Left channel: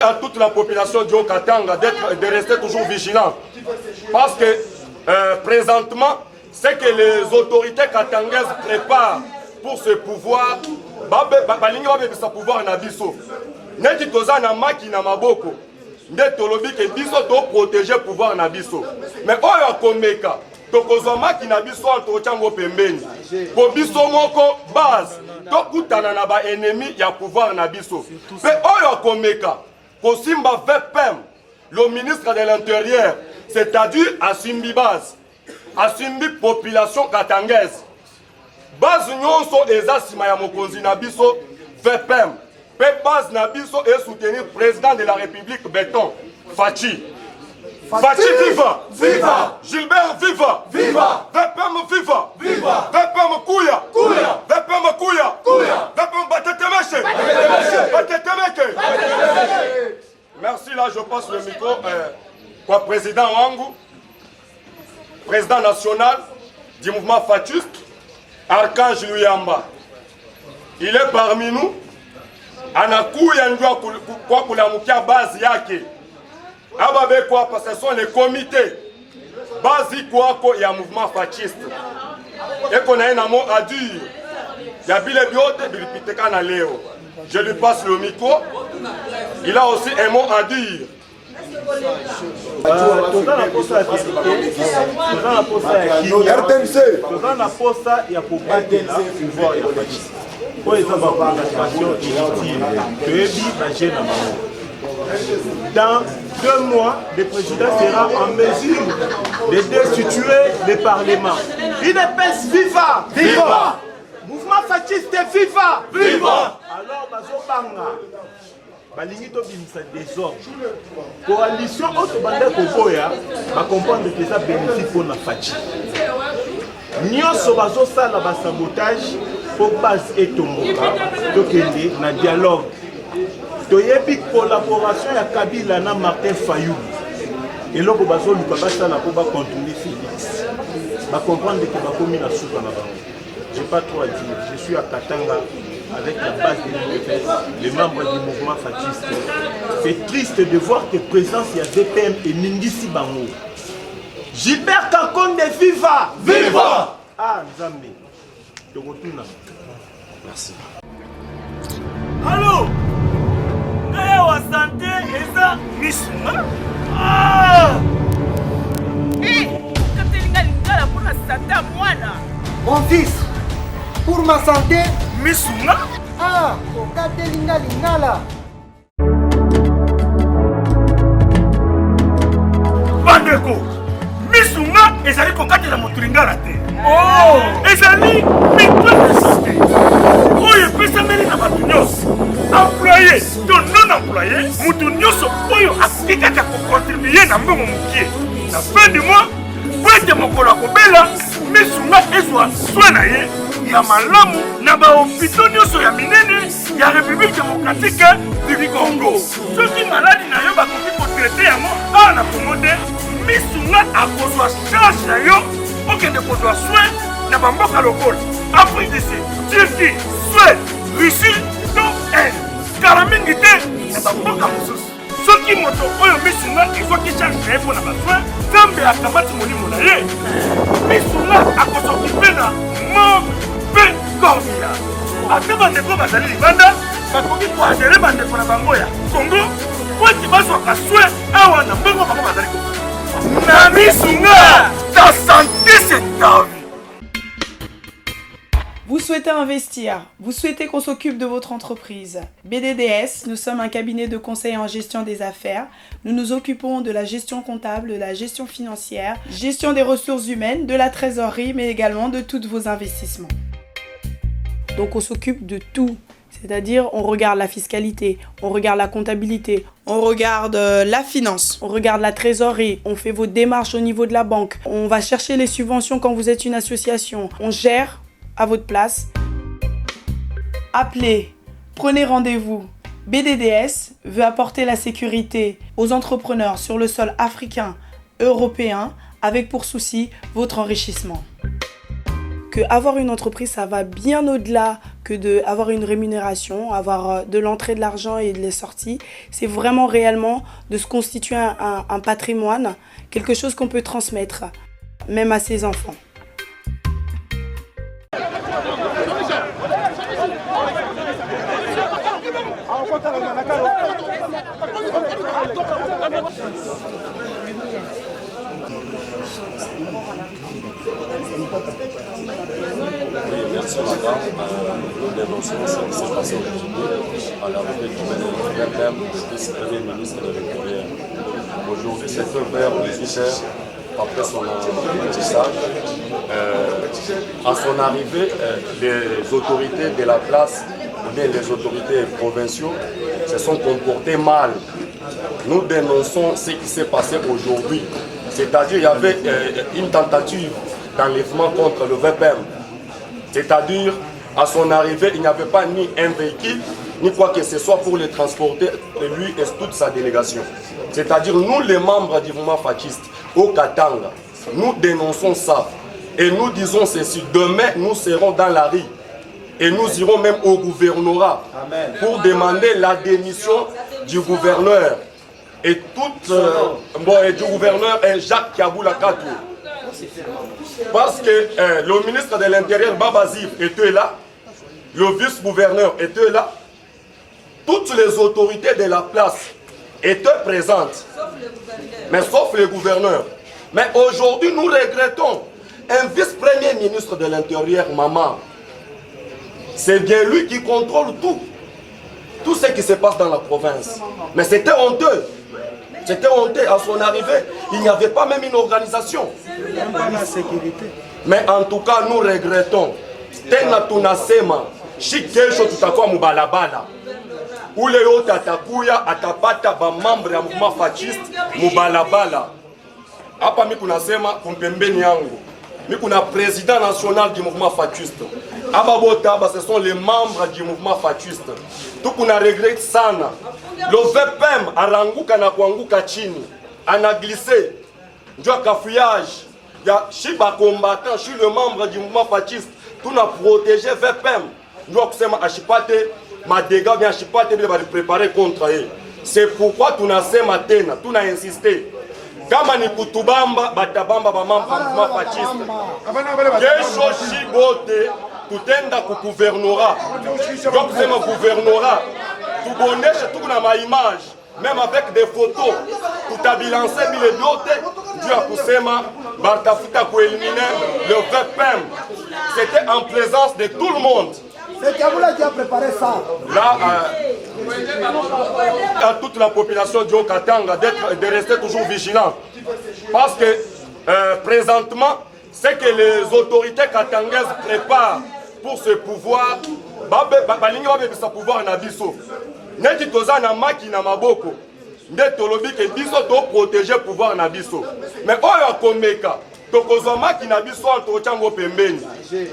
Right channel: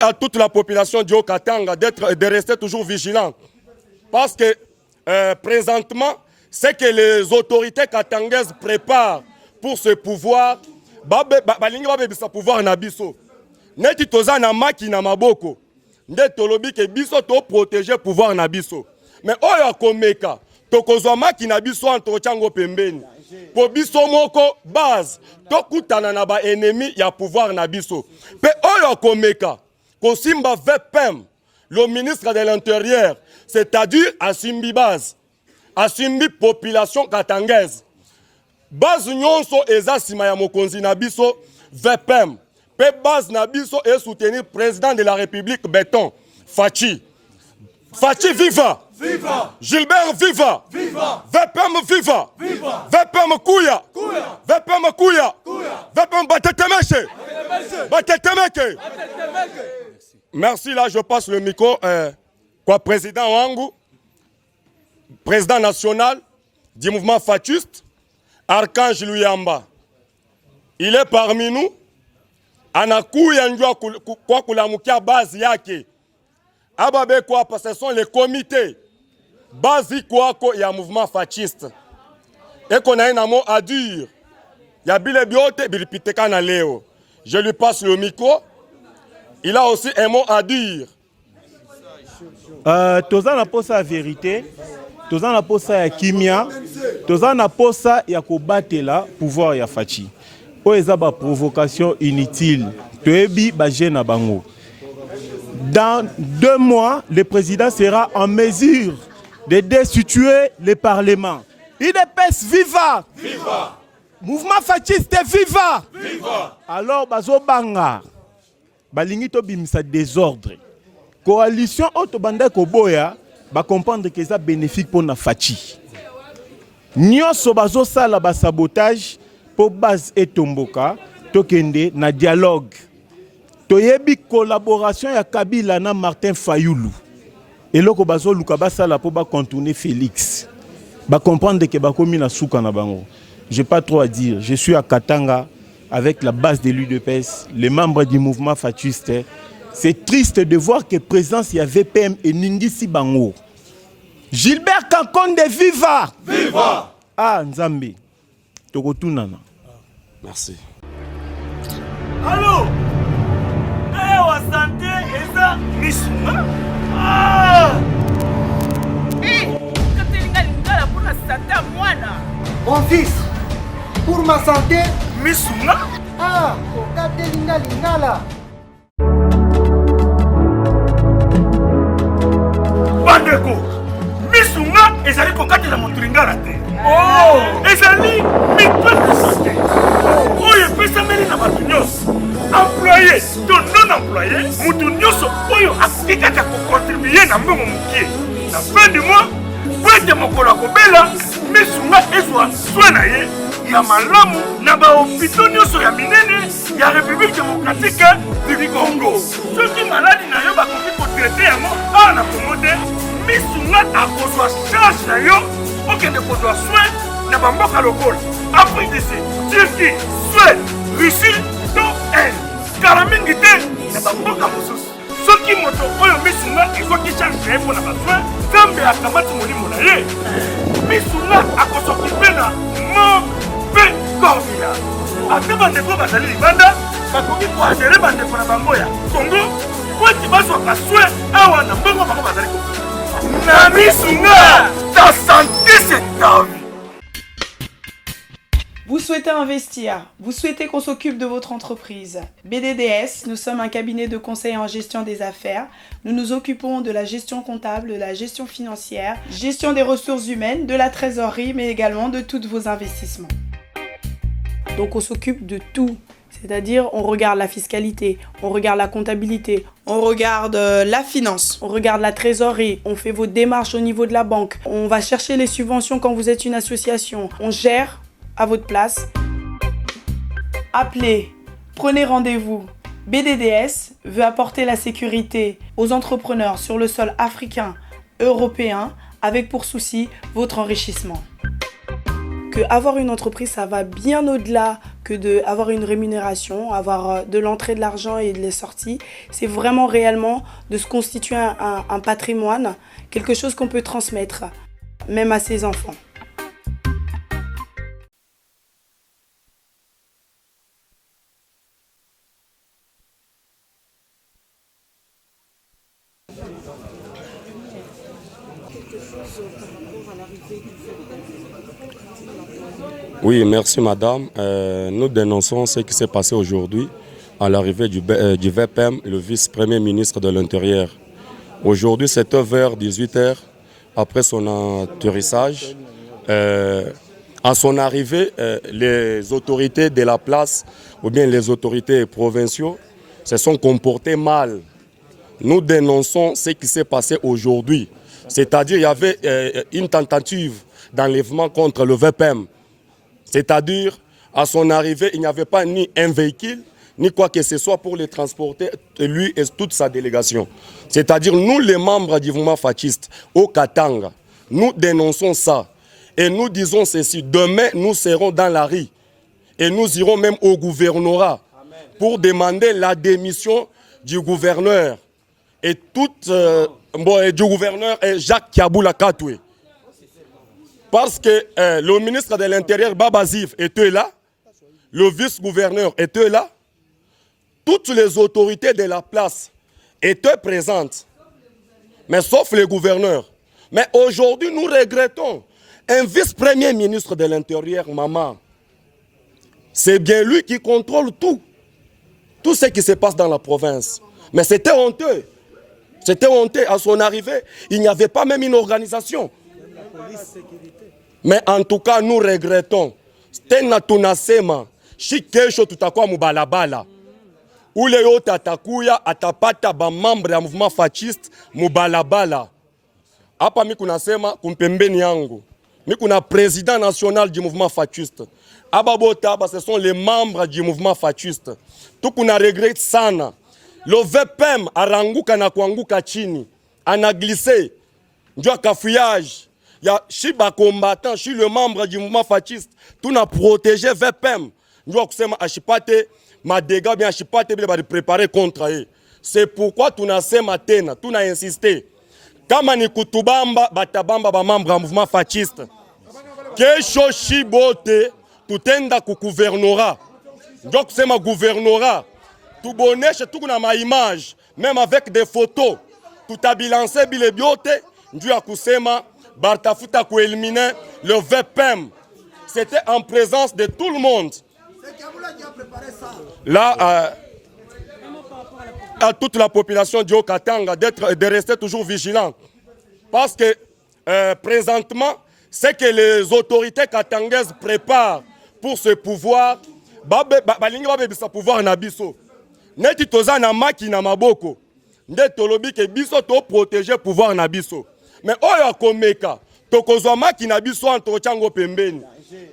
À toute la population du Haut-Katanga de rester toujours vigilante. Parce que présentement, ce que les autorités katangaises préparent pour ce pouvoir, ce pouvoir na biso. Neti toza na maki na maboko. Nde tolobi ke biso to protéger pouvoir na biso. Mais oyo akomeka, tokozwa maki na biso antochango pembeni. Po biso moko base, tokutana na ba ennemi ya pouvoir na biso. Pe oyo akomeka, Kosimba VPM, le ministre de l'Intérieur, c'est-à-dire Asimbi Base, Asimbi population katangaise. Base nyonso eza sima ya mokonzi na biso VPM. Pe base na biso et soutenir président de la République Béton, Fachi. Fachi viva! Viva! Gilbert viva! Viva! VPM viva! Viva! VPM Kouya! Kouya! VPM Kouya! Kouya! VPM Batetemeshe! Batetemeke! Merci, là je passe le micro au président Wangu, président national du mouvement Fatiste, Archange Luyamba. Il est parmi nous. Anakuya njua kwa kulamukia base yake. Ababe kwa parce que ce sont les comités basi kwako ya mouvement fasciste. Et qu'on a un mot à dire. Ya bile biote bilipiteka na leo. Je lui passe le micro. Il a aussi un mot à dire. Toza na posa ya vérité, toza na posa ya kimia, toza na posa ya kobatela pouvoir ya Fachi. Po eza ba provocation inutile. Toyebi ba jeune bango. Dans 2 mois, le président sera en mesure de destituer le Parlement. UDPS viva! Viva! Mouvement fasciste viva! Viva! Alors, bazo banga, balingi to bimisa désordre. Coalition autre bande koboya, ba comprendre que ça bénéfique pour la Fachi. Nyonso bazo sala ba sabotage pour base et tomboka, tokende na dialogue. Toyebi collaboration ya Kabila na Martin Fayoulou. Et là, bazo luka basala pour ba contourner Félix. Ba comprendre que ba komi na souka na bango. J'ai pas trop à dire. Je suis à Katanga avec la base de l'UDPS, les membres du mouvement fasciste. C'est triste de voir que présence y a VPM et Ningisi Bango. Gilbert Kakonde viva! Viva! Ah Nzambe. Tokotuna. Merci. Allô? Wa santé eza misuma. Ah! Katelinga lingala pour la santé à mwana. Mon fils, pour ma santé, misuma. Ah, katelinga lingala. Bandeko, misuma ezali kokatela motu lingala te. Oh! Ezali mitwe de santé. Oyo epesameli na bato nyonso. Employé, to non employé, mutu nyonso oyo akoki kaka kocontribue na mbongo mokie. Na fin du mois, po ete mokolo akobela, misunga ezwa soin na ye ya malamu na bahopito nyonso ya minene ya République démocratique du Congo. Soki maladi na yo bakoki kotraite yango awa na Congo te, misunga akozwa charge na yo okende kozwa soin na bamboka lokola Afrique du Sud, Turquie, Suède, Russie, to kala mingi te na bamboka mosusu. Soki moto oyo misunga ezwaki charge na ye mpo na basoin, Nzambe akamati molimo na ye, misunga akosokipe na mauvais cordia. Ate bandeko bazali libanda bakoki koadere bandeko na bango ya Congo po ete bazwaka soin awa na mbongo bango bazali koki. Na misunga, ta santé c'est ta vie. Vous souhaitez investir, vous souhaitez qu'on s'occupe de votre entreprise. BDDS, nous sommes un cabinet de conseil en gestion des affaires. Nous nous occupons de la gestion comptable, de la gestion financière, gestion des ressources humaines, de la trésorerie, mais également de tous vos investissements. Donc on s'occupe de tout. C'est-à-dire, on regarde la fiscalité, on regarde la comptabilité, on regarde la finance, on regarde la trésorerie, on fait vos démarches au niveau de la banque, on va chercher les subventions quand vous êtes une association, on gère à votre place. Appelez, prenez rendez-vous. BDDS veut apporter la sécurité aux entrepreneurs sur le sol africain, européen, avec pour souci votre enrichissement. que avoir une entreprise, ça va bien au-delà que d'avoir une rémunération, avoir de l'entrée de l'argent et de les sorties. C'est vraiment réellement de se constituer un patrimoine, quelque chose qu'on peut transmettre, même à ses enfants. Oui, merci madame. Nous dénonçons ce qui s'est passé aujourd'hui à l'arrivée du VPM, le vice-premier ministre de l'Intérieur. Aujourd'hui, c'était vers 18h, après son atterrissage. À son arrivée, les autorités de la place, ou bien les autorités provinciaux, se sont comportés mal. Nous dénonçons ce qui s'est passé aujourd'hui. C'est-à-dire qu'il y avait une tentative d'enlèvement contre le VPM. C'est-à-dire, à son arrivée, il n'y avait pas ni un véhicule, ni quoi que ce soit pour le transporter, lui et toute sa délégation. C'est-à-dire, nous, les membres du mouvement fasciste au Katanga, nous dénonçons ça. Et nous disons ceci, demain, nous serons dans la rue. Et nous irons même au gouvernorat pour demander la démission du gouverneur. Et du gouverneur Jacques Kiaboula Katoué. Parce que le ministre de l'Intérieur, Baba Zif, était là, le vice-gouverneur était là, toutes les autorités de la place étaient présentes, mais sauf le gouverneur. Mais aujourd'hui, nous regrettons un vice-premier ministre de l'Intérieur, Maman. C'est bien lui qui contrôle tout ce qui se passe dans la province. Mais c'était honteux. C'était honteux à son arrivée. Il n'y avait pas même une organisation. Mais en tout cas, nous regrettons. Tena tunasema, shi kesho tutakuwa mubalabala. Ule yote atakuya, atapata ba membre ya mouvement fasciste mubalabala. Hapa mimi kunasema kumpembeni yangu. Mimi kuna président national du mouvement fasciste. Aba bota, ce sont les membres du mouvement fasciste. Tout kuna regrette sana. Le VPM aranguka na kuanguka chini. Ana glissé. Ndio kafouillage. Ya shiba combattant, je suis le membre du mouvement fasciste. Tout na protégé VPM. Ndio kusema ashipate madega bien ashipate bile bali préparer contre eux. C'est pourquoi tunasema tena, tuna insister. Kama ni kutubamba batabamba ba membre du mouvement fasciste. Kesho shibote tutenda ku gouvernorat. Ndio kusema gouvernorat. Tuboneshe tukuna ma image, même avec des photos. Tutabilancer bile biote, ndio kusema Bartafuta pour éliminer le VPM. C'était en présence de tout le monde. C'est Kiaboula qui a préparé ça. Là, à toute la population du Haut-Katanga de rester toujours vigilant. Parce que présentement, c'est que les autorités katangaises préparent pour ce pouvoir. Ce pouvoir na biso. Neti toza na maki na maboko. Nde tolobi ke biso to protéger pouvoir na biso. Mais oyo akomeka tokozwa maki na biso antochango pembeni.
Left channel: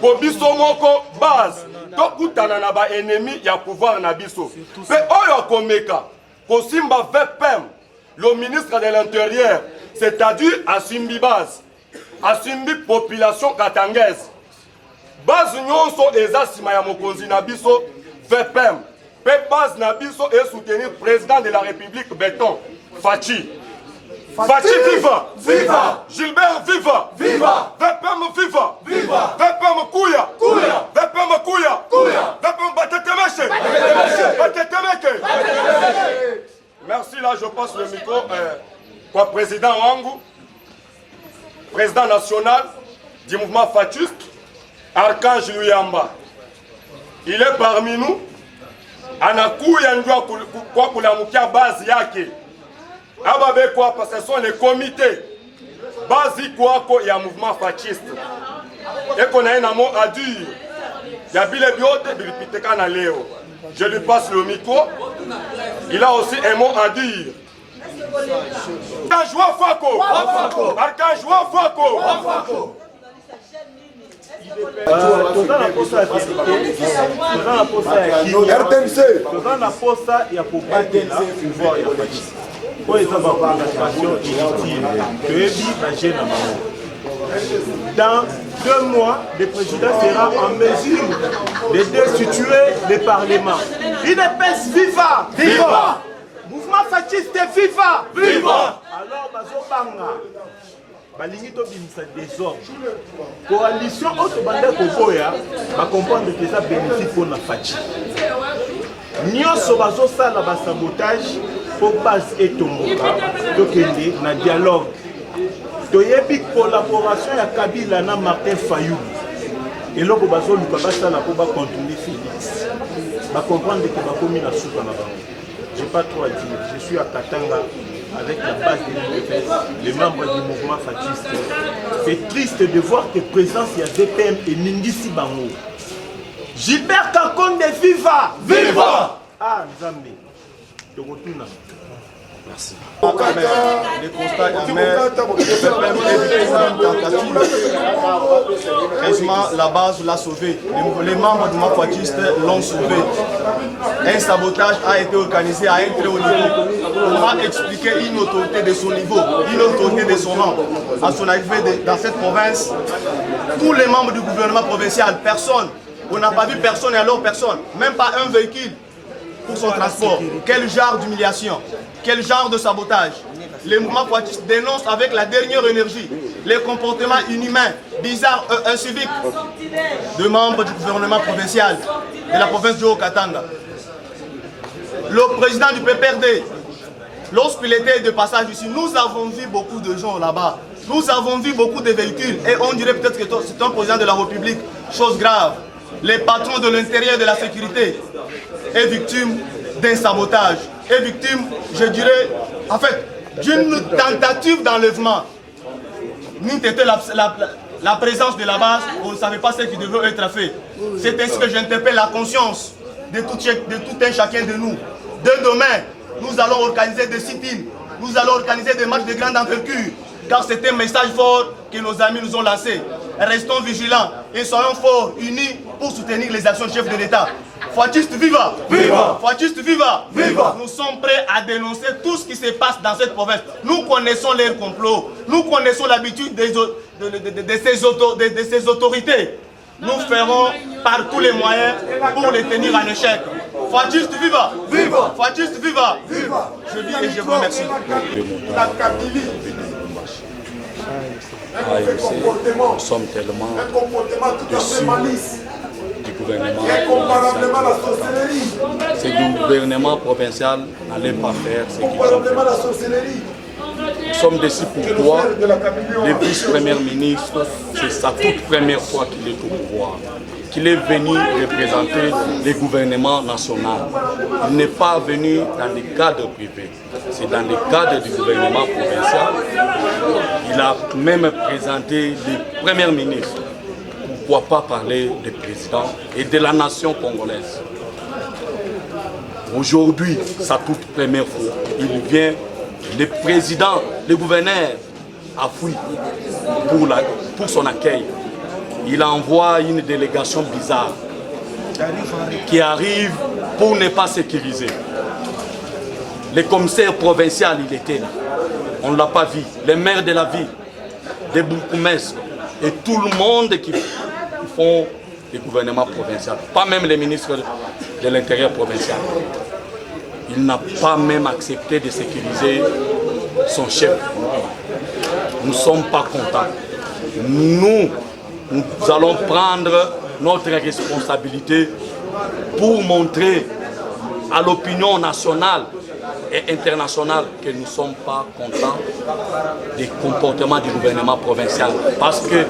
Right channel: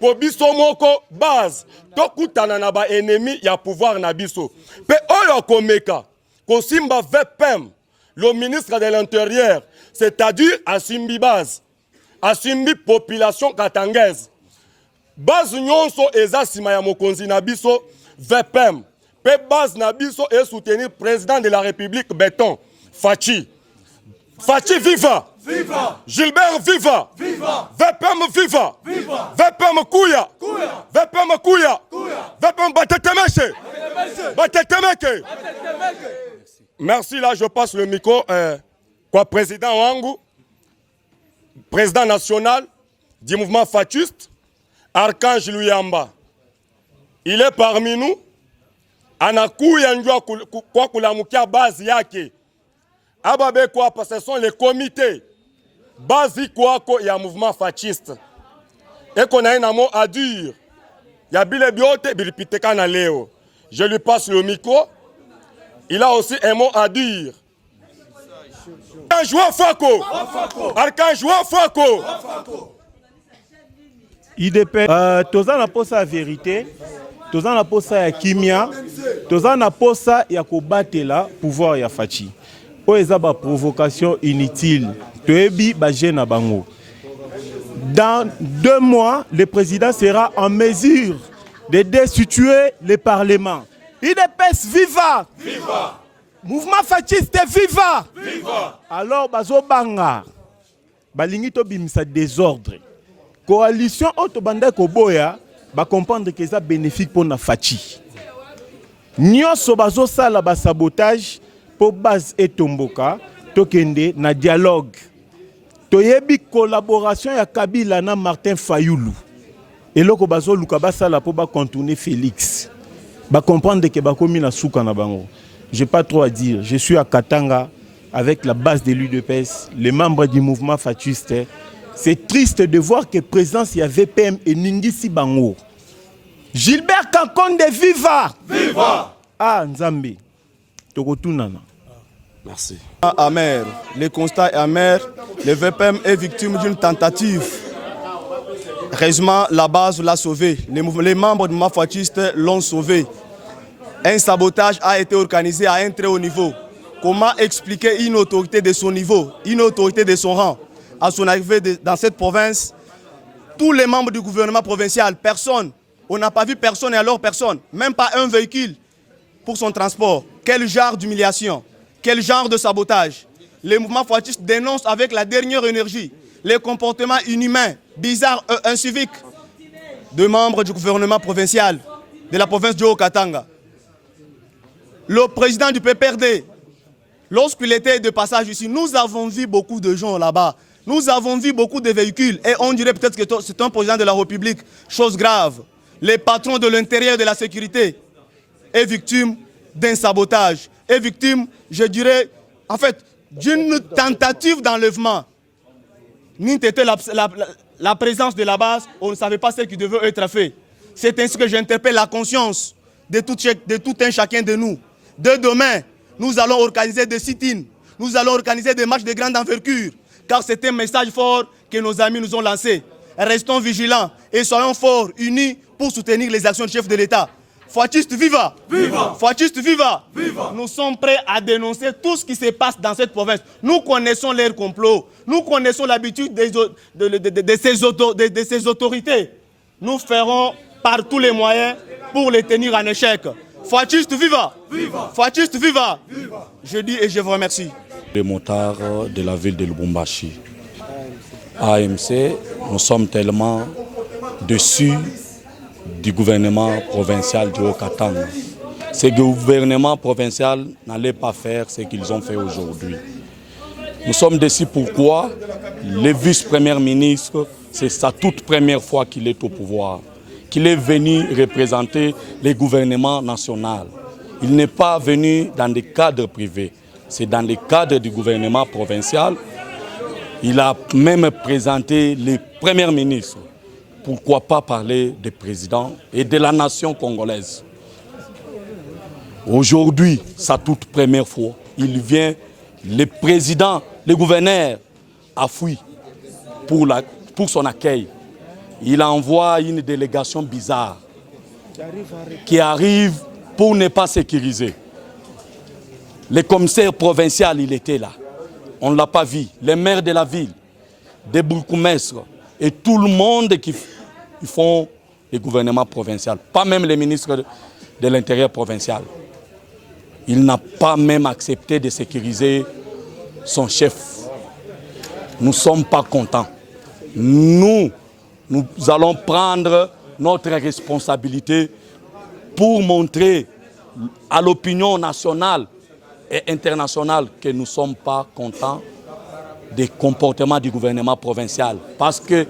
Po biso moko base tokutana na ba ennemi ya pouvoir na biso. Pe oyo akomeka kosimba VPM, le ministre de l'Intérieur, c'est-à-dire asimbi base, asimbi population katangaise. Base nyonso eza sima ya mokonzi na biso VPM. Pe base na biso et soutenir président de la République Béton Fachi. Fachi viva! Viva! Gilbert viva! Viva! VPM viva! Viva! VPM kuya! Kuya! VPM kuya! Kuya! VPM batetemeshe! Batetemeke! Merci, là je passe le micro kwa président wangu, président national du mouvement fasciste, Archange Luyamba. Il est parmi nous. Anakuya njua kwa kulamukia bazi yake. Ababe kwa ce sont les comités. Bazi kwako ya mouvement fasciste. Eko na ina mo à dire. Ya bile biote bilipiteka na leo. Je lui passe le micro. Il a aussi un mot à dire. Archange Wafako. Archange Wafako. IDP toza na posa ya vérité, toza na posa ya kimia, toza na posa ya kobatela pouvoir ya Fachi. Po eza ba provocation inutile, toyebi ba jeune na bango. Dans 2 mois, le président sera en mesure de destituer le Parlement. UDPS viva! Viva! Mouvement fasciste viva! Viva! Alors, bazobanga, balingi to bimisa désordre. Coalition autre bande koboya, ba comprendre que ça bénéfique pour la fachi. Nyonso bazosala ba sabotage pour base et tomboka, tokende na dialogue. Toyebi collaboration ya Kabila na Martin Fayoulou. Et là, pour contourner Félix. Ba comprendre que ba komi na souka na bango. J'ai pas trop à dire. Je suis à Katanga avec la base de l'UDPS, les membres du mouvement fasciste. C'est triste de voir que présence il y a VPM et Ningisi Bango. Gilbert Kakonde viva! Viva! Ah Nzambe. Tokotunana. Merci. Amer. Le constat est amer. Le VPM est victime d'une tentative. Heureusement, la base l'a sauvé. Les membres du mouvement fasciste l'ont sauvé. Un sabotage a été organisé à un très haut niveau. Comment expliquer une autorité de son niveau, une autorité de son rang, à son arrivée dans cette province? Tous les membres du gouvernement provincial, personne. On n'a pas vu personne et alors personne. Même pas un véhicule pour son transport. Quel genre d'humiliation? Quel genre de sabotage? Les mouvements fascistes dénoncent avec la dernière énergie les comportements inhumains, bizarres et inciviques de membres du gouvernement provincial de la province du Haut-Katanga. Le président du PPRD, lorsqu'il était de passage ici, nous avons vu beaucoup de gens là-bas. Nous avons vu beaucoup de véhicules et on dirait peut-être que c'est un président de la République. Chose grave. Les patrons de l'intérieur de la sécurité est victime d'un sabotage, est victime, je dirais, en fait, d'une tentative d'enlèvement. Nous étions la présence de la base, on ne savait pas ce qui devait être fait. C'est ainsi que j'interpelle la conscience de tout un chacun de nous. Dès demain, nous allons organiser des sit-ins, nous allons organiser des marches de grande envergure, car c'est un message fort que nos amis nous ont lancé. Restons vigilants et soyons forts, unis pour soutenir les actions du chef de l'État. Fasciste viva! Viva! Fasciste viva! Viva! Nous sommes prêts à dénoncer tout ce qui se passe dans cette province. Nous connaissons leurs complots, nous connaissons l'habitude de ces autorités. Nous ferons par tous les moyens pour les tenir en échec. Fasciste viva! Viva! Fasciste viva! Viva! Je dis et je vous remercie. Le motard de la ville de Lubumbashi. AMC, nous sommes tellement déçus du gouvernement provincial du Haut-Katanga. Ce gouvernement provincial n'allait pas faire ce qu'ils ont fait aujourd'hui. Nous sommes déçus pourquoi le vice-premier ministre, c'est sa toute première fois qu'il est au pouvoir, qu'il est venu représenter le gouvernement national. Il n'est pas venu dans des cadres privés, c'est dans les cadres du gouvernement provincial. Il a même présenté le premier ministre. Pourquoi pas parler du président et de la nation congolaise? Aujourd'hui, sa toute première fois, il vient, le président, le gouverneur a fui pour son accueil. Il envoie une délégation bizarre qui arrive pour ne pas sécuriser. Le commissaire provincial, il était là. On ne l'a pas vu. Les maires de la ville, des bourgmestres et tout le monde qui font le gouvernement provincial, pas même les ministres de l'Intérieur provincial. Il n'a pas même accepté de sécuriser son chef. Nous ne sommes pas contents. Nous allons prendre notre responsabilité pour montrer à l'opinion nationale et internationale que nous ne sommes pas contents des comportements du gouvernement provincial. Parce que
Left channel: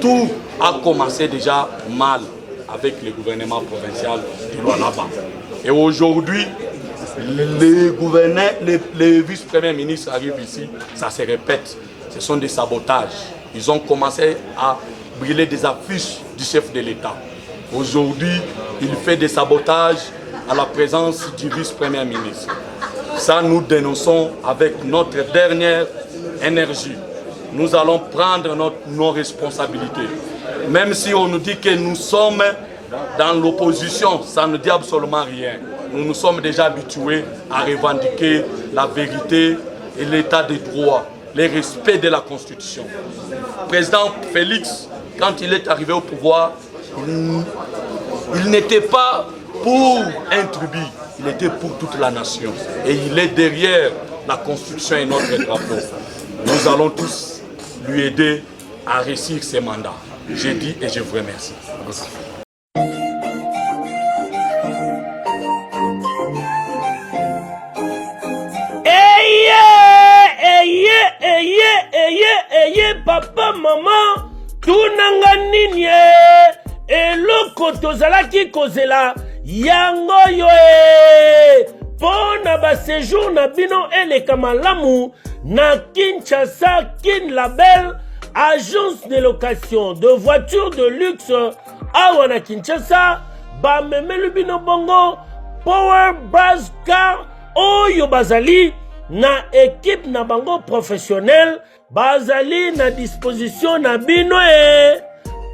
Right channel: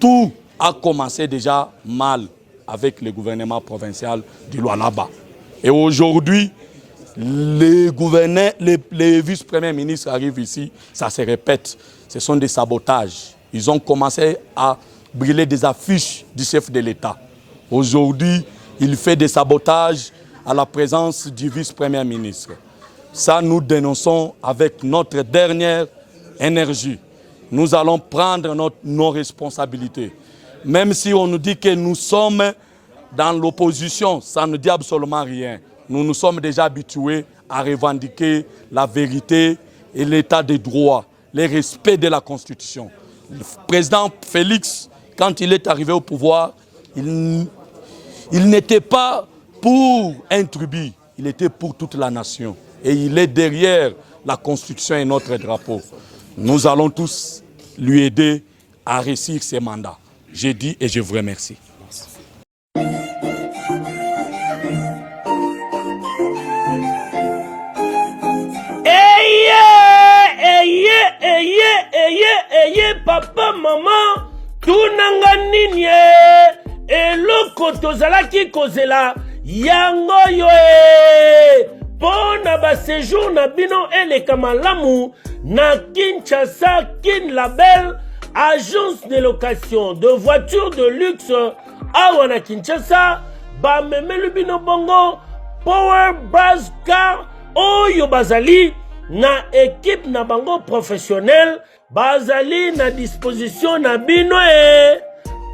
tout a commencé déjà mal avec le gouvernement provincial du Lualaba. Et aujourd'hui, les vice-premiers ministres arrivent ici, ça se répète. Ce sont des sabotages. Ils ont commencé à brûler des affiches du chef de l'État. Aujourd'hui, il fait des sabotages à la présence du vice-premier ministre. Ça, nous dénonçons avec notre dernière énergie. Nous allons prendre nos responsabilités. Même si on nous dit que nous sommes dans l'opposition, ça ne dit absolument rien. Nous nous sommes déjà habitués à revendiquer la vérité et l'état de droit. le respect de la Constitution. Le président Félix, quand il est arrivé au pouvoir, il n'était pas pour un tribu, il était pour toute la nation. Et il est derrière la Constitution et notre drapeau. Nous allons tous lui aider à réussir ses mandats. J'ai dit et je vous remercie. Papa, maman, tunanga nini eloko tozalaki kozela yango yo pona ba séjour na bino eleka malamu na Kinshasa Kin Label, agence de location de voitures de luxe awa na Kinshasa, ba memelu bino bongo Power Buzz Car oyo bazali na équipe na bango professionnel, bazali na disposition na bino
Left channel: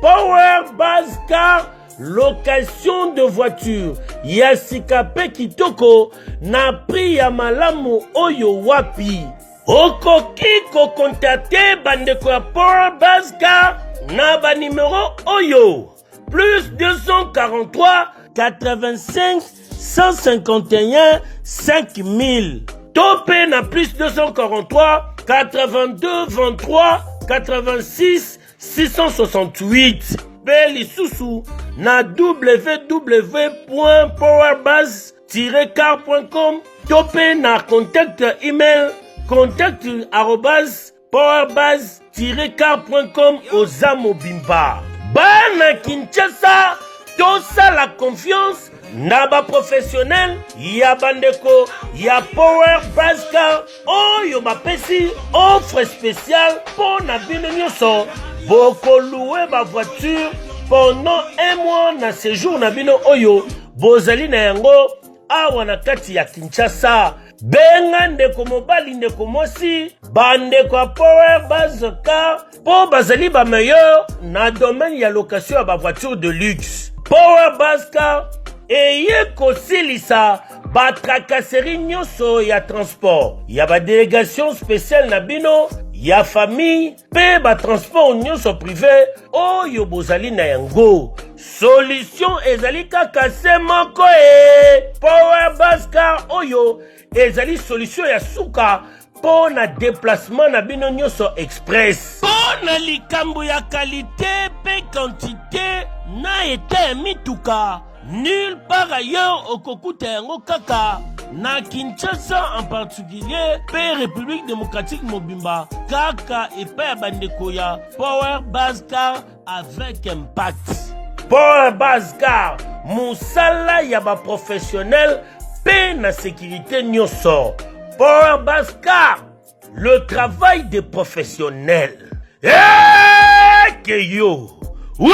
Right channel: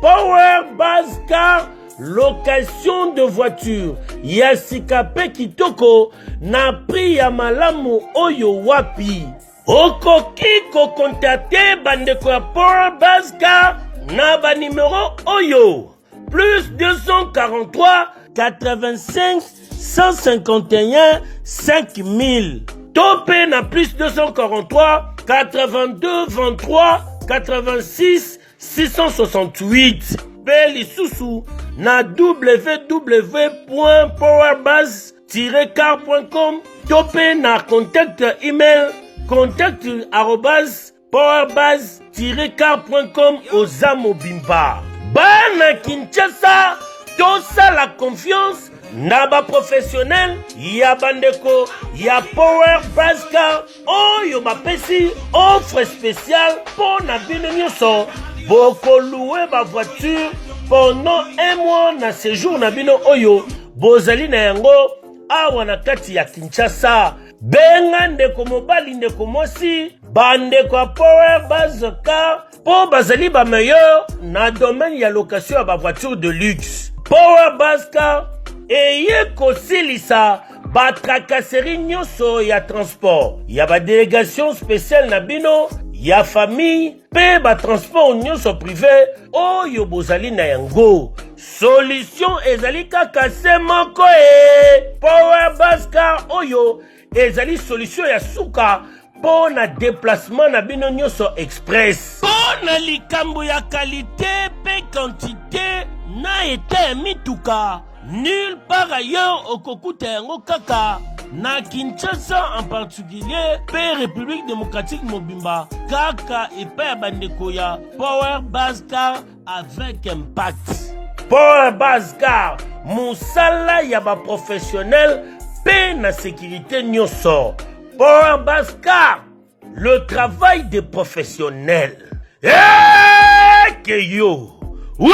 Power Buzz Car, location de voiture ya sikape kitoko na prix ya malamu oyo wapi. Okoki ko contacter bandeko ya Power Buzz Car na ba numéro oyo plus 243 85 151 5000. Topé na plus 243 82 23 86 668. Beli Soussou na www.powerbuzz-car.com. Topé na contact email contact@powerbuzz-car.com Ozamo Bimba. Bana Kinshasa, tosa la confiance na ba professionnel ya bandeko ya Power Buzz Car oyo bapesi offre spéciale pour na bino nyonso boko louer ba voiture pendant un mois na séjour na bino oyo bozali na yango awa na kati ya Kinshasa. Benga ndeko mobali ndeko mosi bandeko ya Power Buzz Car po bazali ba meilleur na domaine ya location ya ba voiture de luxe. Power Buzz Car eye kosilisa ba tracasserie nyonso ya transport ya ba délégation spéciale na bino ya famille pe ba transport nyonso privé oyo bozali na yango. Solution ezali kaka se moko Power Buzz Car oyo ezali solution ya suka po na déplacement na bino nyonso express. Po na likambo ya qualité pe quantité na eta mituka nulle part ailleurs au Kokuta yango kaka na Kinshasa en particulier pe République démocratique Mobimba kaka epa bandeko ya Power Buzz Car avec impact. Power Buzz Car musala ya ba professionnel pe na sécurité nyonso. Power Buzz Car, le travail des professionnels. Que yo, oui.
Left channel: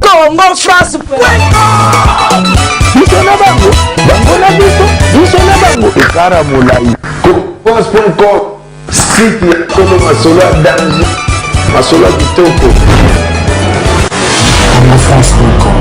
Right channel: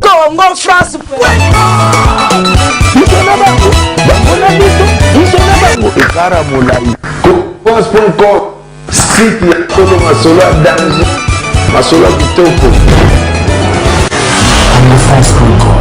Congo France. Bisona bango, bango na biso, bisona bango. Ekara molai. France.com, site ya Kolo Masolo danger, Masolo kitoko. CongoFrance.com.